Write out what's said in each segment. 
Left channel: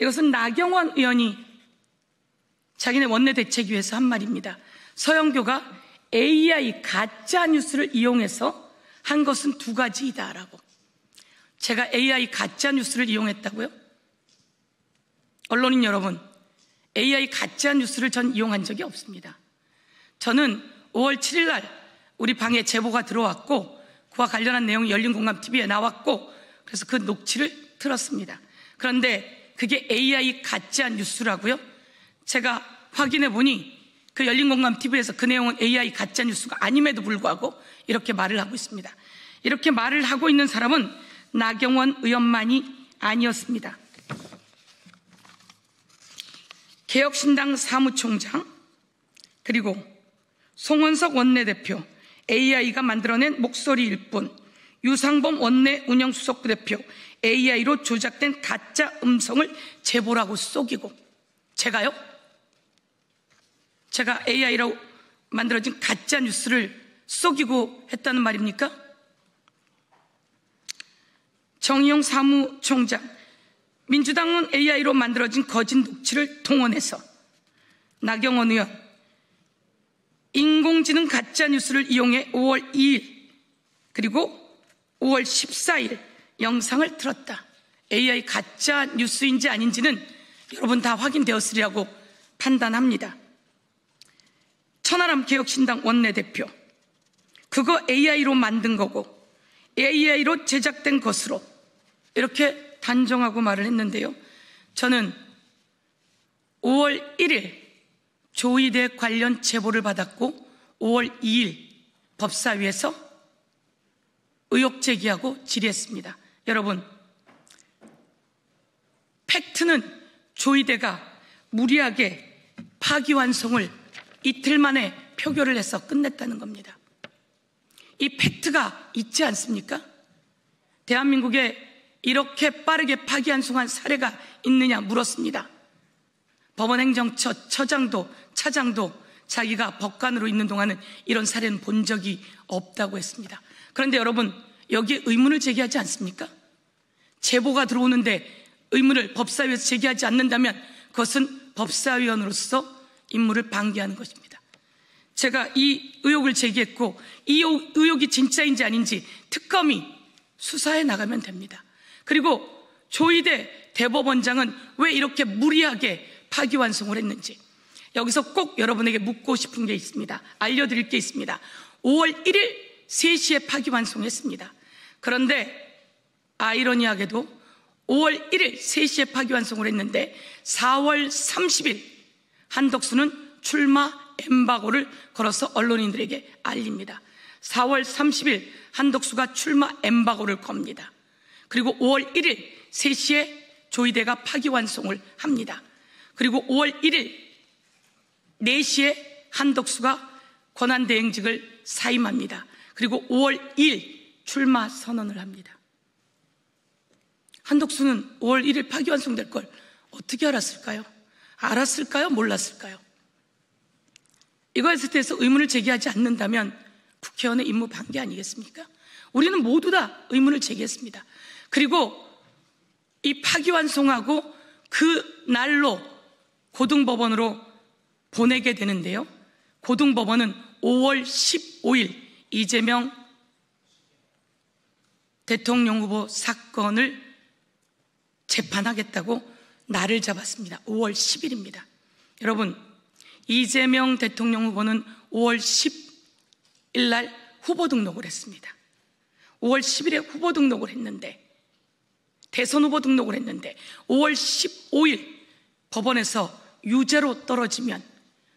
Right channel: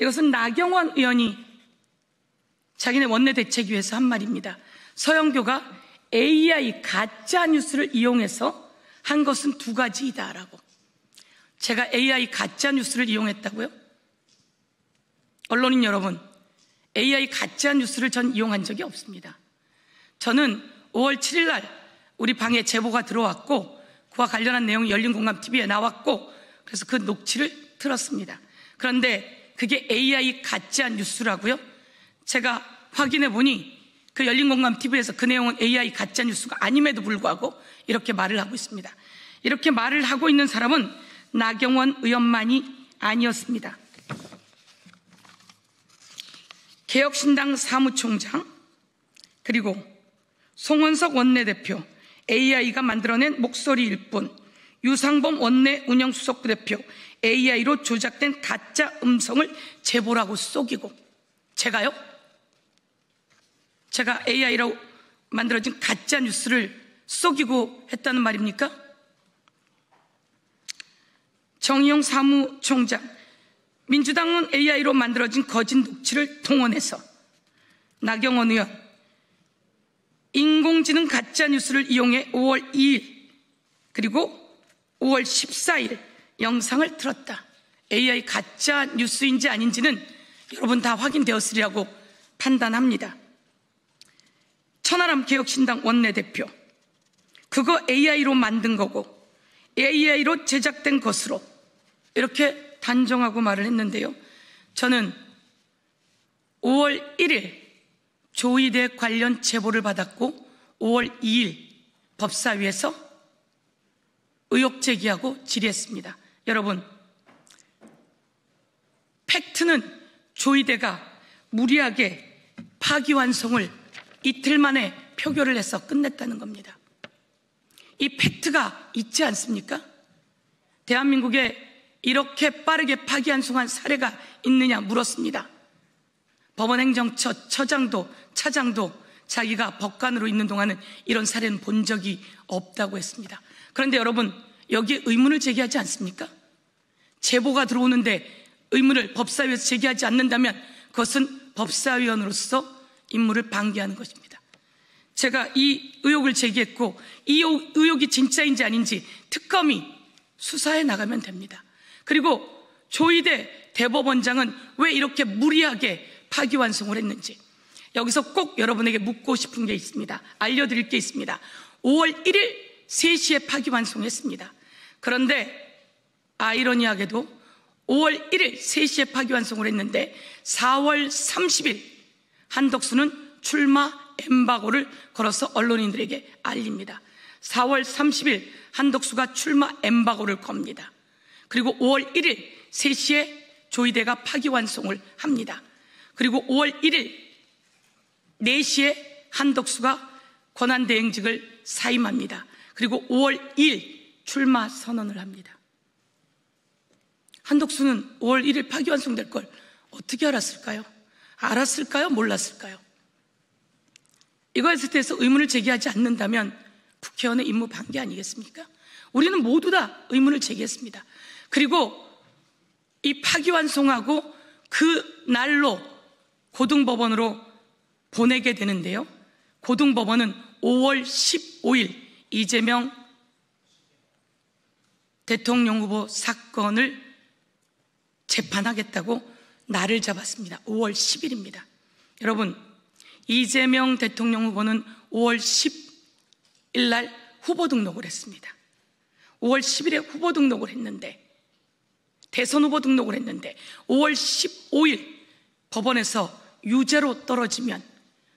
이것은 나경원 의원이 자기네 원내대책위에서 한 말입니다. 서영교가 AI 가짜뉴스를 이용해서 한 것은 두 가지이다라고. 제가 AI 가짜뉴스를 이용했다고요? 언론인 여러분, AI 가짜뉴스를 전 이용한 적이 없습니다. 저는 5월 7일 날 우리 방에 제보가 들어왔고 그와 관련한 내용이 열린공감TV에 나왔고 그래서 그 녹취를 들었습니다. 그런데 그게 AI 가짜뉴스라고요? 제가 확인해 보니 그 열린공감TV에서 그 내용은 AI 가짜뉴스가 아님에도 불구하고 이렇게 말을 하고 있습니다. 이렇게 말을 하고 있는 사람은 나경원 의원만이 아니었습니다. 개혁신당 사무총장, 그리고 송원석 원내대표, AI가 만들어낸 목소리일 뿐, 유상범 원내 운영수석 대표, AI로 조작된 가짜 음성을 제보라고 속이고, 제가 AI로 만들어진 가짜 뉴스를 속이고 했다는 말입니까? 정의용 사무총장, 민주당은 AI로 만들어진 거짓 녹취를 동원해서 나경원 의원, 인공지능 가짜뉴스를 이용해 5월 2일 그리고 5월 14일 영상을 틀었다. AI 가짜뉴스인지 아닌지는 여러분 다 확인되었으리라고 판단합니다. 천하람 개혁신당 원내대표, 그거 AI로 만든 거고 AI로 제작된 것으로 이렇게 단정하고 말을 했는데요. 저는 5월 1일 조이대 관련 제보를 받았고 5월 2일 법사위에서 의혹 제기하고 질의했습니다. 여러분, 팩트는 조이대가 무리하게 파기환송을 이틀 만에 표결을 해서 끝냈다는 겁니다. 이 팩트가 있지 않습니까? 대한민국에 이렇게 빠르게 파기환송한 사례가 있느냐 물었습니다. 법원행정처 처장도 차장도 자기가 법관으로 있는 동안은 이런 사례는 본 적이 없다고 했습니다. 그런데 여러분, 여기에 의문을 제기하지 않습니까? 제보가 들어오는데 의문을 법사위에서 제기하지 않는다면 그것은 법사위원으로서 임무를 방기하는 것입니다. 제가 이 의혹을 제기했고 이 의혹이 진짜인지 아닌지 특검이 수사해 나가면 됩니다. 그리고 조이대 대법원장은 왜 이렇게 무리하게 파기환송을 했는지 여기서 꼭 여러분에게 묻고 싶은 게 있습니다. 알려드릴 게 있습니다. 5월 1일 3시에 파기환송했습니다. 그런데 아이러니하게도 5월 1일 3시에 파기환송을 했는데 4월 30일 한덕수는 출마 엠바고를 걸어서 언론인들에게 알립니다. 4월 30일 한덕수가 출마 엠바고를 겁니다. 그리고 5월 1일 3시에 조이대가 파기환송을 합니다. 그리고 5월 1일 4시에 한덕수가 권한대행직을 사임합니다. 그리고 5월 2일 출마 선언을 합니다. 한덕수는 5월 1일 파기환송될 걸 어떻게 알았을까요? 알았을까요? 몰랐을까요? 이거에 대해서 의문을 제기하지 않는다면 국회의원의 임무 방기 아니겠습니까? 우리는 모두 다 의문을 제기했습니다. 그리고 이 파기환송하고 그 날로 고등법원으로 보내게 되는데요. 고등법원은 5월 15일 이재명 대통령 후보 사건을 재판하겠다고 날을 잡았습니다. 5월 10일입니다. 여러분, 이재명 대통령 후보는 5월 10일 날 후보 등록을 했습니다. 5월 10일에 후보 등록을 했는데, 대선 후보 등록을 했는데 5월 15일 법원에서 유죄로 떨어지면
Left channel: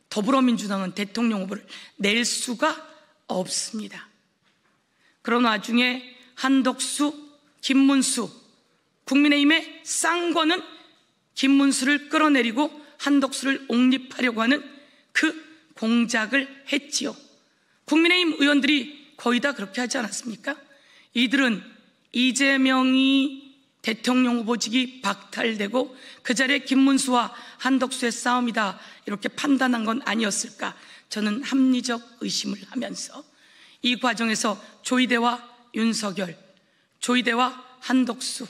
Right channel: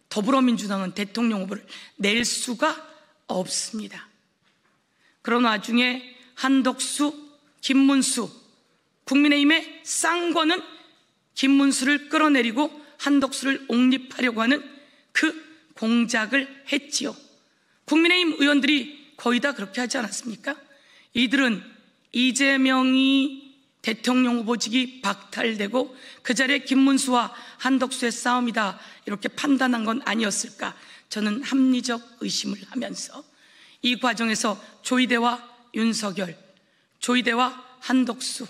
더불어민주당은 대통령 후보를 낼 수가 없습니다. 그런 와중에 한덕수, 김문수, 국민의힘의 쌍권은 김문수를 끌어내리고 한덕수를 옹립하려고 하는 그 공작을 했지요. 국민의힘 의원들이 거의 다 그렇게 하지 않았습니까? 이들은 이재명이 대통령 후보직이 박탈되고 그 자리에 김문수와 한덕수의 싸움이다 이렇게 판단한 건 아니었을까? 저는 합리적 의심을 하면서 이 과정에서 조이대와 윤석열, 조이대와 한덕수,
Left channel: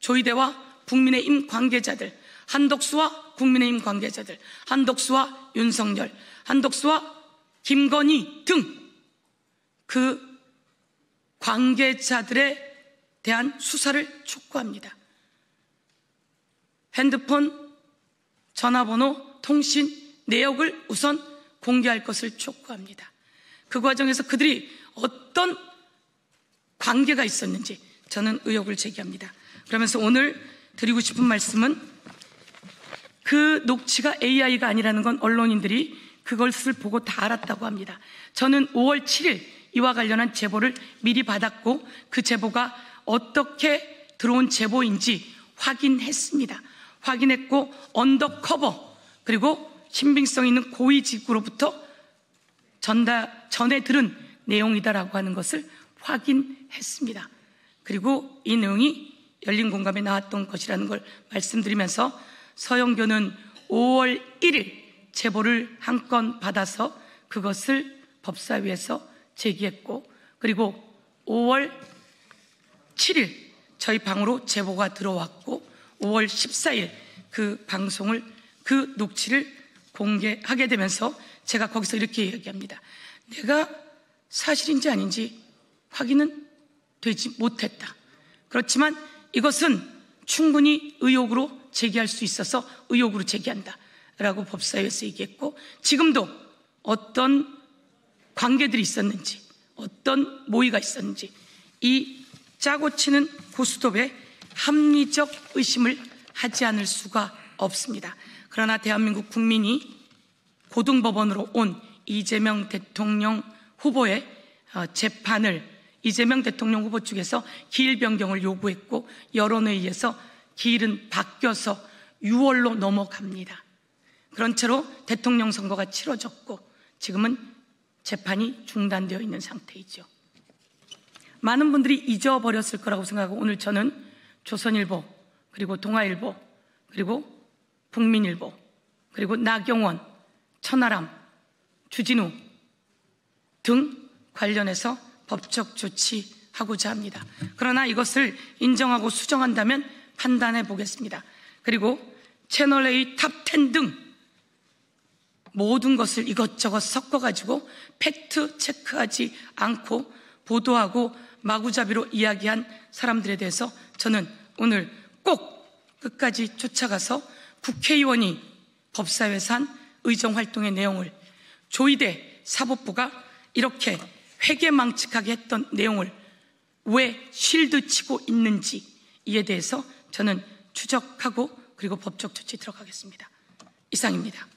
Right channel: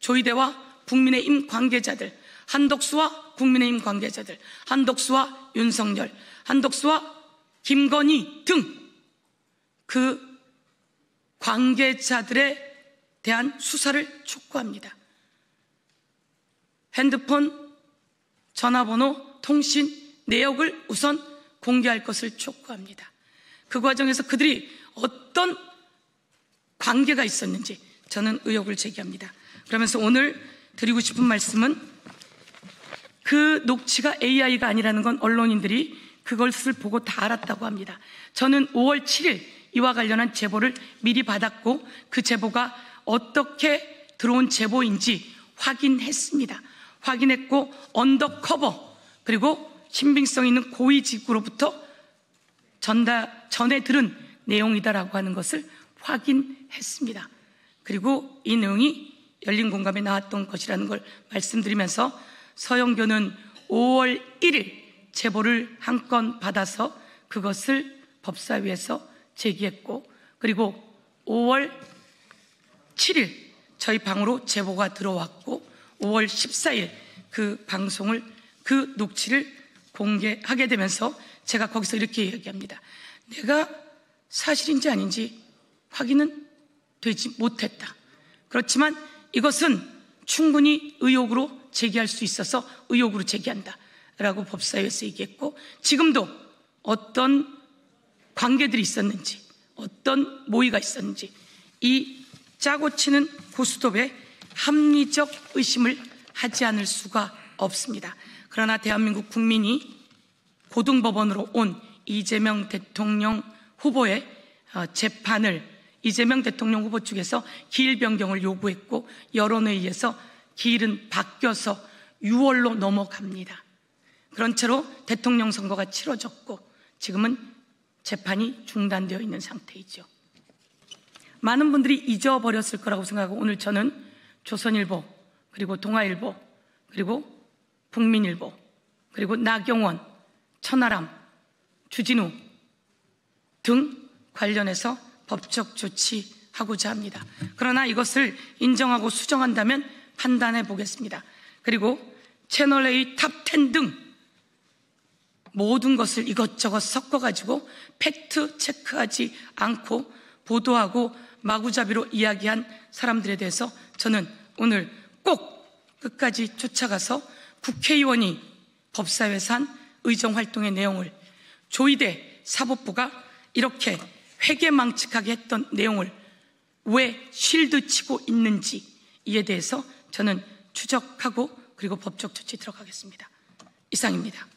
조이대와 국민의힘 관계자들, 한덕수와 국민의힘 관계자들, 한덕수와 윤석열, 한덕수와 김건희 등 그 관계자들에 대한 수사를 촉구합니다. 핸드폰, 전화번호, 통신 내역을 우선 공개할 것을 촉구합니다. 그 과정에서 그들이 어떤 관계가 있었는지 저는 의혹을 제기합니다. 그러면서 오늘 드리고 싶은 말씀은 그 녹취가 AI가 아니라는 건 언론인들이 그것을 보고 다 알았다고 합니다. 저는 5월 7일 이와 관련한 제보를 미리 받았고 그 제보가 어떻게 들어온 제보인지 확인했습니다. 확인했고 언더커버 그리고 신빙성 있는 고위직구로부터 전해 들은 내용이다라고 하는 것을 확인했습니다. 그리고 이 내용이 열린 공감에 나왔던 것이라는 걸 말씀드리면서 서영교는 5월 1일 제보를 한 건 받아서 그것을 법사위에서 제기했고 그리고 5월 7일 저희 방으로 제보가 들어왔고 5월 14일 그 방송을 그 녹취를 공개하게 되면서 제가 거기서 이렇게 이야기합니다. 내가 사실인지 아닌지 확인은 되지 못했다. 그렇지만 이것은 충분히 의혹으로 제기할 수 있어서 의혹으로 제기한다 라고 법사위에서 얘기했고 지금도 어떤 관계들이 있었는지 어떤 모의가 있었는지 이 짜고 치는 고스톱에 합리적 의심을 하지 않을 수가 없습니다. 그러나 대한민국 국민이 고등법원으로 온 이재명 대통령 후보의 재판을 이재명 대통령 후보 측에서 기일 변경을 요구했고 여론에 의해서 기일은 바뀌어서 6월로 넘어갑니다. 그런 채로 대통령 선거가 치러졌고 지금은 재판이 중단되어 있는 상태이죠. 많은 분들이 잊어버렸을 거라고 생각하고 오늘 저는 조선일보 그리고 동아일보 그리고 국민일보 그리고 나경원, 천하람, 주진우 등 관련해서 법적 조치하고자 합니다. 그러나 이것을 인정하고 수정한다면 판단해 보겠습니다. 그리고 채널A 탑10 등 모든 것을 이것저것 섞어가지고 팩트 체크하지 않고 보도하고 마구잡이로 이야기한 사람들에 대해서 저는 오늘 꼭 끝까지 쫓아가서 국회의원이 법사위에서 한 의정활동의 내용을 조희대 사법부가 이렇게 회계망측하게 했던 내용을 왜 쉴드 치고 있는지 이에 대해서 저는 추적하고 그리고 법적 조치 들어가겠습니다. 이상입니다.